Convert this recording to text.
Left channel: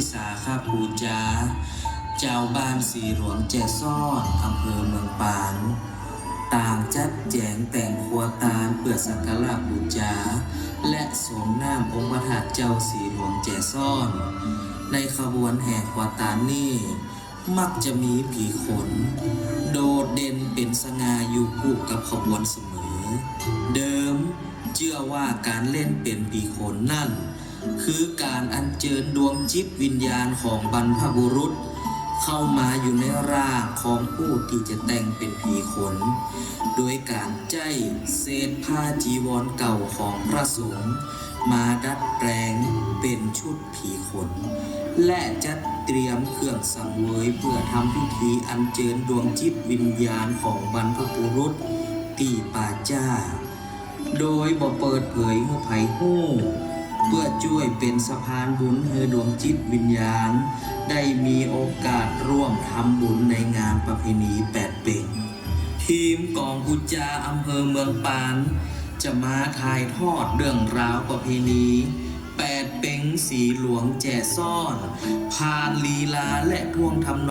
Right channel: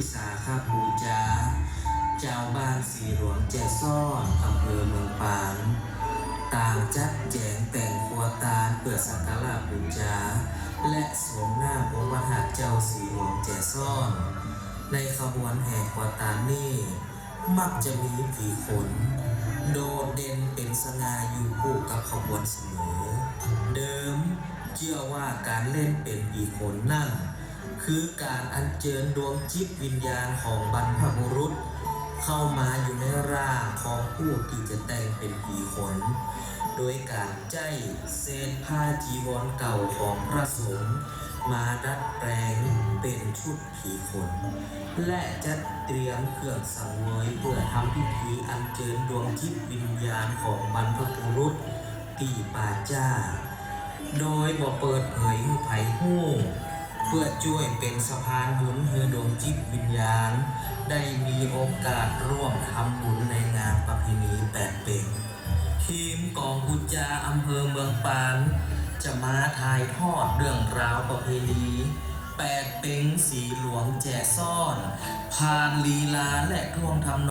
พิสาฆาปูจาเจ้าบ้านสีหลวงแจซ่อนอำเภอเมืองปานต่างจัดแจงแต่งครัวตาลเพื่อสักการะบูชาและสมน้ำองค์พระธาตุเจ้าสีหลวงแจซ่อน ในขบวนแห่ครัวตาลนี่มักจะมีผีขน โดดเด่นเป็นสง่าอยู่คู่กับขบวนเสมอ เดิมเชื่อว่าการเล่นเป็นผีขนนั่น คือการอัญเชิญดวงจิตวิญญาณของบรรพบุรุษ เข้ามาอยู่ในร่างของผู้ที่จะแต่งเป็นผีขน โดยการใจเศษผ้าจีวรเก่าของพระสงฆ์มาดัดแปลงเป็นชุดผีขน และจัดเตรียมเครื่องสังเวยเพื่อทำพิธีอัญเชิญดวงจิตวิญญาณของบรรพบุรุษตีป่าจ้า โดยบ่เปิดเผยให้ไผฮู้ ช่วยเป็นสะพานบุญให้ดวงจิตวิญญาณ ได้มีโอกาสร่วมทำบุญในงานประเพณีแปดเป่งทีมกองกุจาอำเภอเมืองปาน จะมาถ่ายทอดเรื่องราวประเพณีแปดเป่งสีหลวงแจซ่อน ผ่านลีลาและท่วงทำ